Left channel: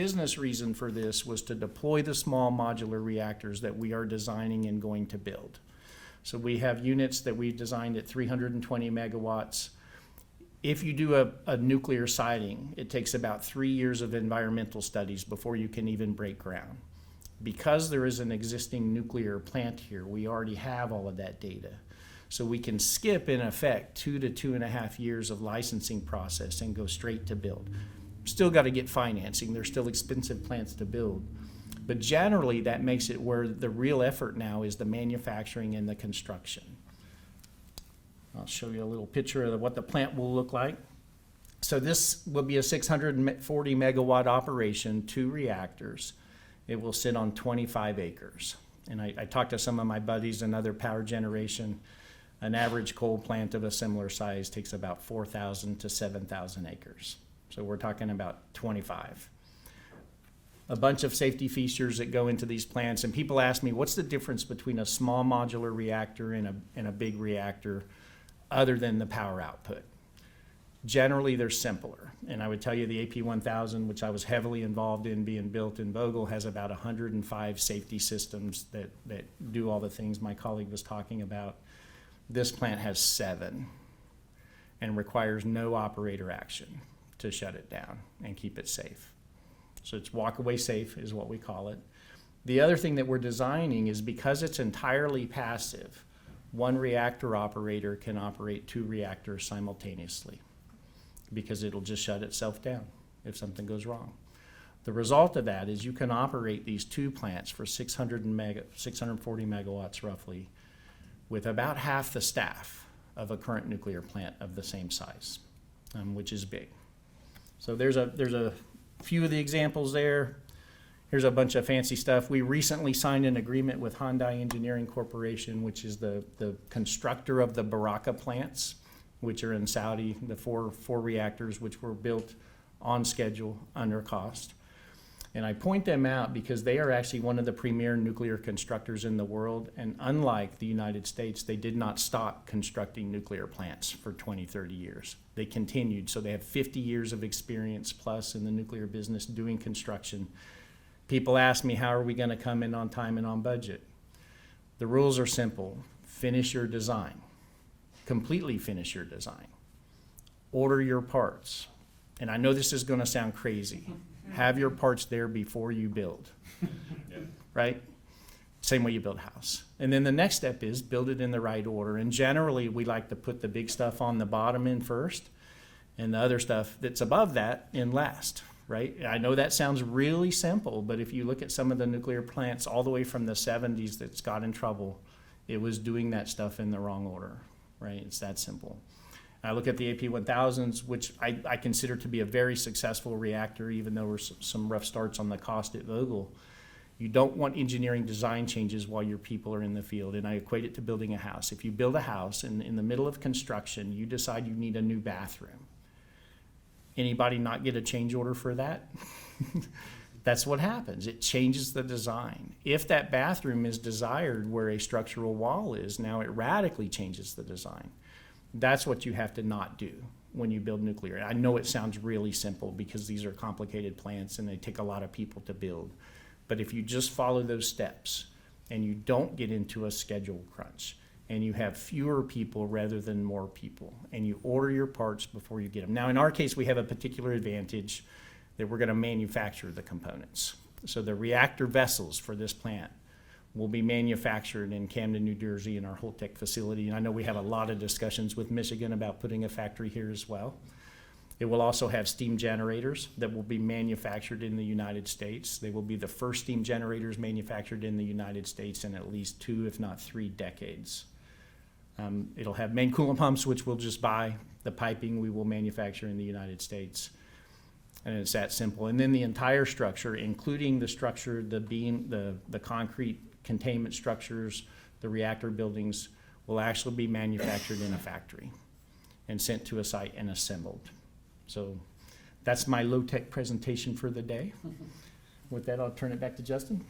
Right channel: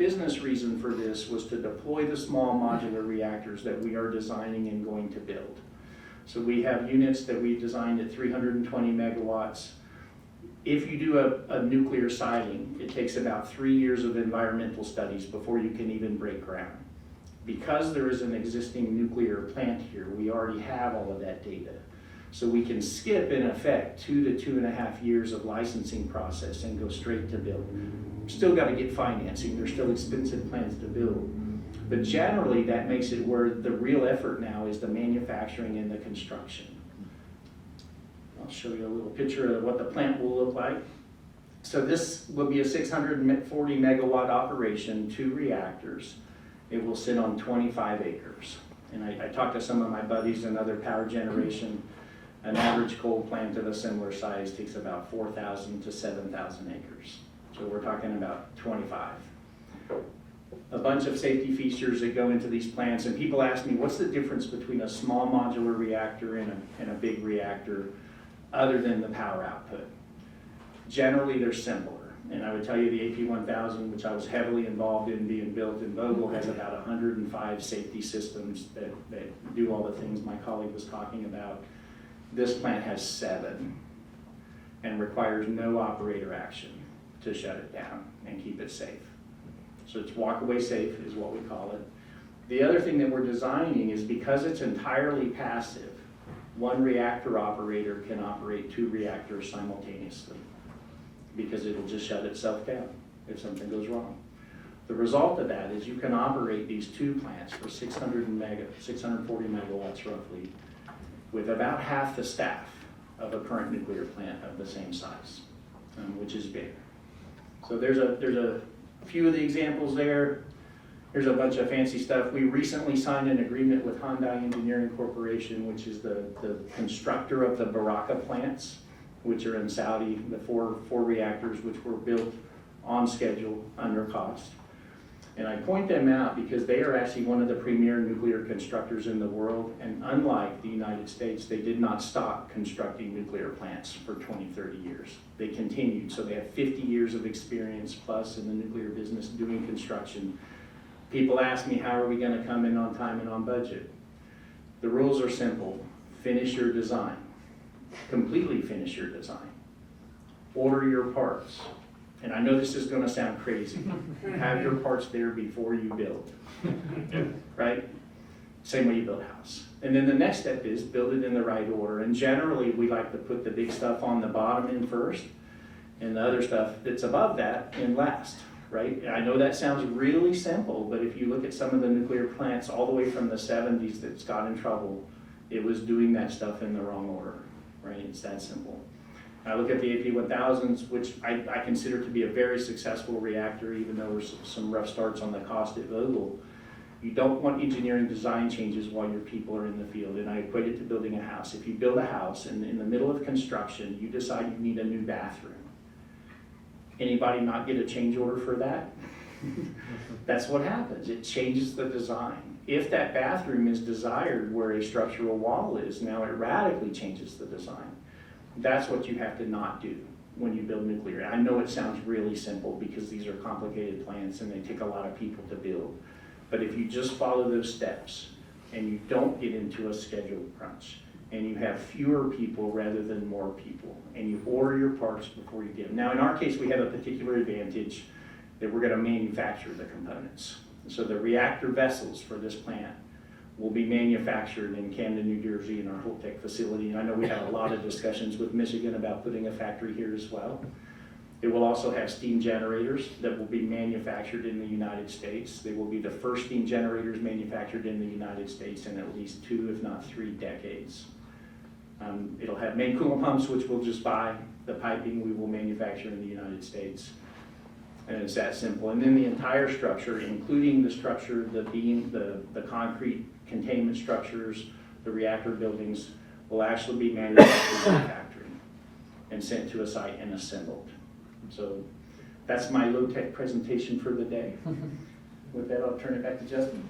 business reason for this was to deploy the small modular reactors that we are designing and going to build. So we have units that we designed at 320 megawatts. If you do a nuclear siting, it takes about 3 years of environmental studies before you can even break ground. Because there is an existing nuclear plant here, we already have all of that data. So we can skip, in effect, 2 to 2.5 years of licensing process and go straight to build. Still got to get financing. There's still expensive plants to build. But generally, that makes it where the real effort now is the manufacturing and the construction. I'll show you a little picture of what the plant will look like. So this will be a 640 megawatt operation, 2 reactors. It will sit on 25 acres. And I talked to some of my buddies in other power generation. An average coal plant of a similar size takes about 4,000 to 7,000 acres. So we're talking about 25. A bunch of safety features that go into these plants, and people ask me, what's the difference between a small modular reactor and a big reactor other than the power output? Generally, they're simpler. And I would tell you the AP1000, which I was heavily involved in being built in Vogtle, has about 105 safety systems that do all the things my colleague was talking about. This plant has 7 and requires no operator action to shut it down and keep it safe. So it's walk-away safe is what we call it. The other thing that we're designing is because it's entirely passive, 1 reactor operator can operate 2 reactors simultaneously because it'll just shut itself down if something goes wrong. The result of that is you can operate these 2 plants for 640 megawatts roughly with about half the staff of a current nuclear plant of the same size, which is big. So there's a few of the examples there. Here's a bunch of fancy stuff. We recently signed an agreement with Hyundai Engineering Corporation, which is the constructor of the Baraka plants, which are in Saudi, the four reactors which were built on schedule, under cost. And I point them out because they are actually one of the premier nuclear constructors in the world, and unlike the United States, they did not stop constructing nuclear plants for 20, 30 years. They continued, so they have 50 years of experience plus in the nuclear business doing construction. People ask me, how are we going to come in on time and on budget? The rules are simple. Finish your design. Completely finish your design. Order your parts. And I know this is going to sound crazy. Have your parts there before you build, right? Same way you build a house. And then the next step is build it in the right order. And generally, we like to put the big stuff on the bottom in first, and the other stuff that's above that in last, right? I know that sounds really simple, but if you look at some of the nuclear plants all the way from the 70s that's got in trouble, it was doing that stuff in the wrong order, right? It's that simple. I look at the AP1000s, which I consider to be a very successful reactor, even though there's some rough starts on the cost at Vogtle. You don't want engineering design changes while your people are in the field, and I equate it to building a house. If you build a house and in the middle of construction, you decide you need a new bathroom. Anybody not get a change order for that? That's what happens. It changes the design. If that bathroom is desired where a structural wall is, now it radically changes the design. That's what you have to not do when you build nuclear. I know it sounds really simple because these are complicated plants and they take a lot of people to build. But if you just follow those steps and you don't get into a schedule crunch and you have fewer people rather than more people and you order your parts before you get them. Now in our case we have a particular advantage that we're going to manufacture the components. So the reactor vessels for this plant will be manufactured in Camden, New Jersey in our Holtec facility. And I know we have a lot of discussions with Michigan about putting a factory here as well. It will also have steam generators that will be manufactured in the United States. They will be the first steam generators manufactured in the United States in at least 2, if not 3 decades. It'll have main coolant pumps, which we'll just buy. The piping we will manufacture in the United States. And it's that simple. And then the entire structure, including the structure, the beam, the concrete containment structures, the reactor buildings, will actually be manufactured in the factory and sent to a site and assembled. So that's my low-tech presentation for the day. With that, I'll turn it back to Justin.